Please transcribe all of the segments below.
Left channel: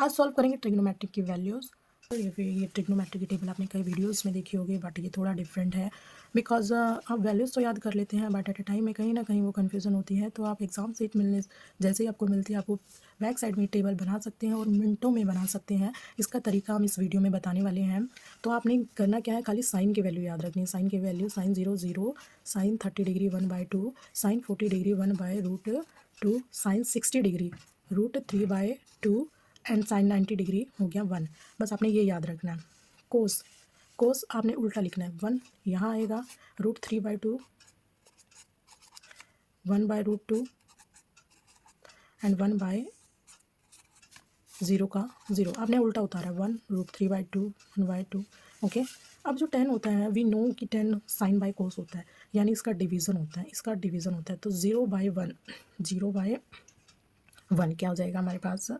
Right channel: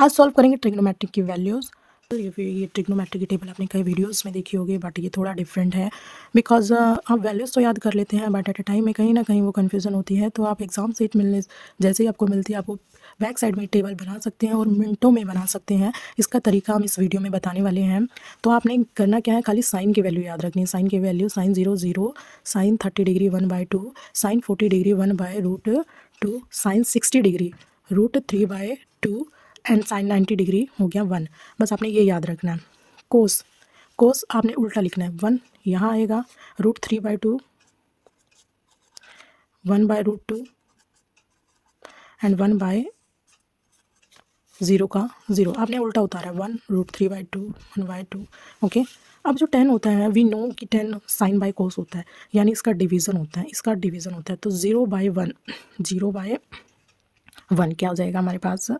आज सॉल्व करेंगे ट्रिग्नोमेट्रिक की वैल्यूज़। तो ये ट्रिग्नोमेट्रिक की टेबल आपने कई वीडियोस में देखी होगी, बट ये थोड़ा डिफरेंट है बिकॉज आप वैल्यूज़ तो याद कर लेते हैं, बट एट अ टाइम में कहीं ना कहीं वो कन्फ्यूज़न होती है। तो आप एग्जाम सीट मिलने जैसे ही आपको मिलती है, आपको बैक साइड में टेबल बना सकते हैं और मिनटों में बना सकते हैं। इसका तरीका हम इस वीडियो में बताने वाले हैं। तो आपने करना क्या है, खाली साइन की वैल्यू याद रखनी है। साइन की value sine 0 0, sine 30 degree 1/2, sine 40 degree 1/√2, sine 60 degree √3/2 and sine 90 degree हो गया 1। बस आपने ये याद रखना है। कोस कोस आपने उल्टा लिखना है। 1 यहाँ आएगा, √3/2, 1/√2 एंड 1/0 का 0 आपने उल्टा उतारा। 1 √3/2 1/2। ओके। अब जो 10 होता है, वी नो कि 10 साइन बाय कोस होता है, यानी इसका डिवीज़न होता है, तो 0/1, 0/1 क्या हो जाएगा हमारे पास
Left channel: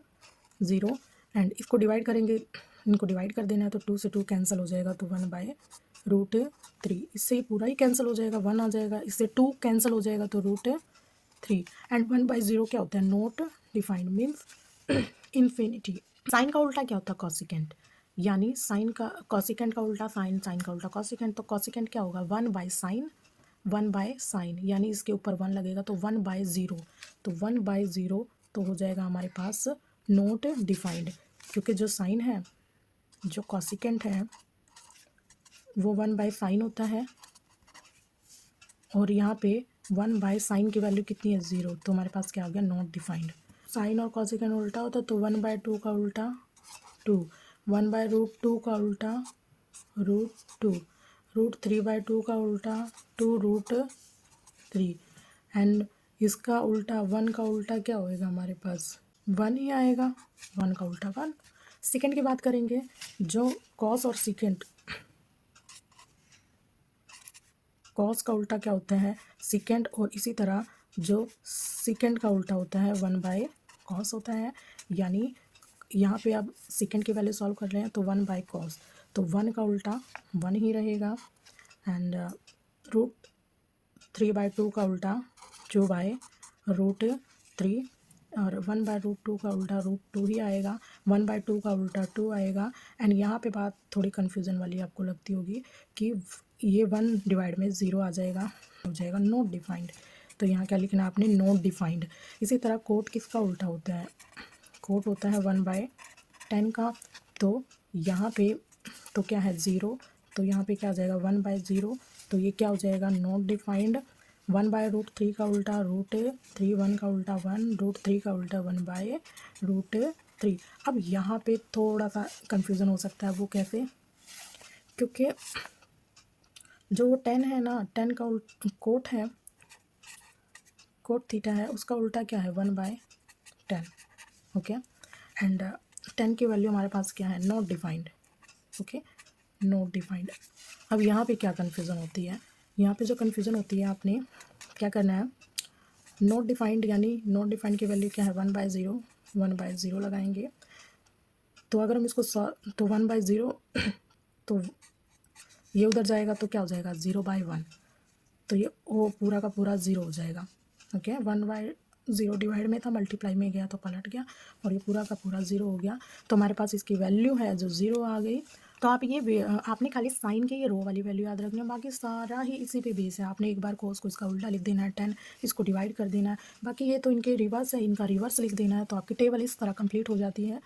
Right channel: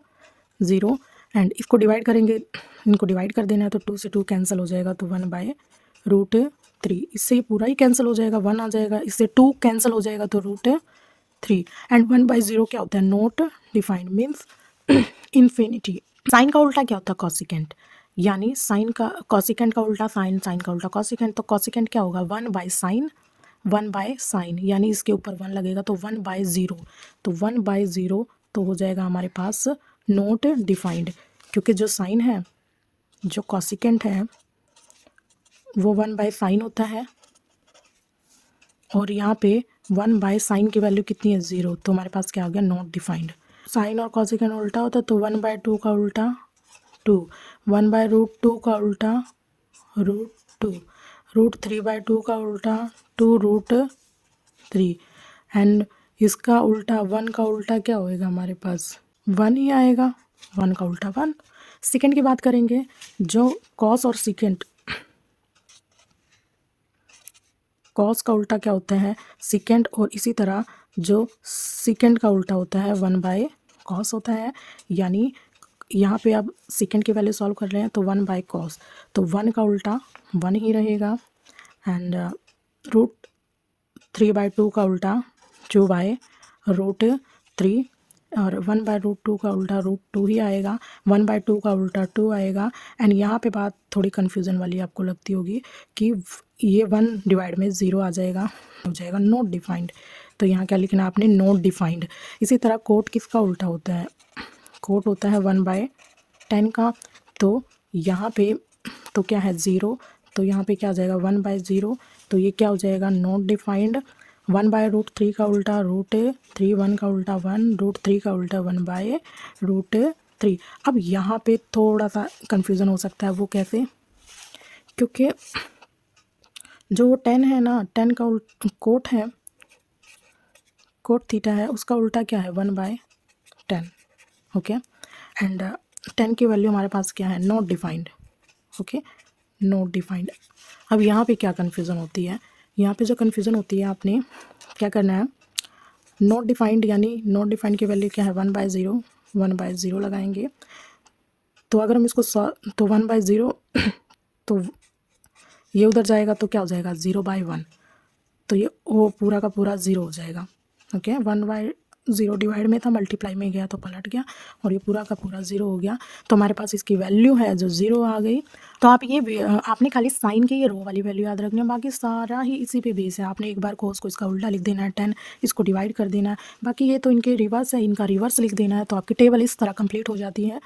0। एंड इसको डिवाइड करेंगे, इनको डिवाइड कर देना है, तो 2 से 2 कैंसिल हो जाएगा, तो 1/√3। इससे ये पूरा ही कैंसिल हो जाएगा, 1 आ जाएगा, इससे 2 कैंसिल हो जाएगा, तो √3। एंड 1/0 क्या होता है, not defined, means infinity. Sine का उल्टा क्या होता है, कॉसिकेंट, यानी साइन का कॉसिकेंट का उल्टा साइन, साइन का उल्टा कॉसिकेंट। तो कॉसिकेंट क्या होगा, 1/साइन, यानी इसके ऊपर 1 लगेगा, तो 1/0। तो 1/0 तो हो जाएगा हमारे पास नॉट डिफाइंड, क्योंकि जो साइन है, जो कॉसिकेंट है, वो 1/साइन होता है, और यहाँ पे 1/साइन की वैल्यू कितनी है, 0। तो हमारे पास क्या आ गया, नॉट डिफाइंड। साइन और कॉसिकेंट उल्टा होता है, तो 1/2 का उल्टा 2, 1/√2 का उल्टा √2, √3/2 का उल्टा 2√3, एंड इसका उल्टा 1 का उल्टा क्या होएगा हमारे पास, 1 ही आएगा, 1 का उल्टा 1। सेकेंड की बात करेंगे, जो कॉस और सीकेंट, कॉस का उल्टा क्या होता है, सीकेंट, और इसी तरह जो सीकेंट का उल्टा होता है 1/कॉस होता है। यानी यहाँ पे आप सीकेंट की वैल्यू सॉल्व कर रहे हैं, तो 1/कॉस, तो 1 का उल्टा 1 ही रहेगा, एंड √3/2 का उल्टा 2/√3, और 1/√2 का उल्टा √2 ही आएगा, 1/2 का उल्टा 2 आएगा। एंड यहाँ पे बात थोड़ी कन्फ्यूज़न वाली आपको लगती होगी कि ये 1 डिवाइड में 0 आ जाएगा, हो जाएगा नॉट डिफाइंड। तो यहाँ क्या लिखना है आपने, नॉट डिफाइंड। इसी तरह कोट किसका उल्टा होता है, कोट होता है 1/10 का, तो यहाँ पे तो क्या है 0, तो यहाँ पे क्या आ जाएगा 1/0, तो ये क्या हो जाएगा, नॉट डिफाइंड। 1/√3 का उल्टा √3, 1 का उल्टा 1, √3 का उल्टा 1/√3। अब यहाँ पे थोड़ा सा कन्फ्यूज़न हो सकता है, वो कैसे, क्योंकि जो 10 है ना, 10 का कोट है, कोट थीटा है, उसका उल्टा क्या है 1/10। ओके। एंड 10 की वैल्यू हमारे पास क्या है, not defined. Okay, not defined. अब यहाँ पे क्या कन्फ्यूज़न होती है, यहाँ पे जो कन्फ्यूज़न होती है, आपने क्या करना है, नॉट डिफाइंड, यानी नॉट डिफाइंड की वैल्यू क्या है 1/0, 1/0 लगाएंगे। तो अगर हम इसको तो 1/0 तो ये उधर जाएगा, तो क्या हो जाएगा 0/1, तो ये वो पूरा का पूरा 0 हो जाएगा। ओके, 1/0 डिवाइड में था, मल्टीप्लाई में गया तो पलट गया, और ये पूरा का पूरा 0 हो गया। तो हमारे पास इसकी वैल्यू है जो 0 आ गई। तो आप ये आपने खाली साइन की ये रो वाली वैल्यू याद रखनी है, बाकी सारा ही इसी पे बेस है। आपने एक बार कोस को इसका उल्टा लिख देना है, 10 इसको डिवाइड कर देना है, बाकी ये तो इनके रिवर्स है, इनका रिवर्स लिख देना है, तो आपकी टेबल इस तरह कंप्लीट हो जाती है।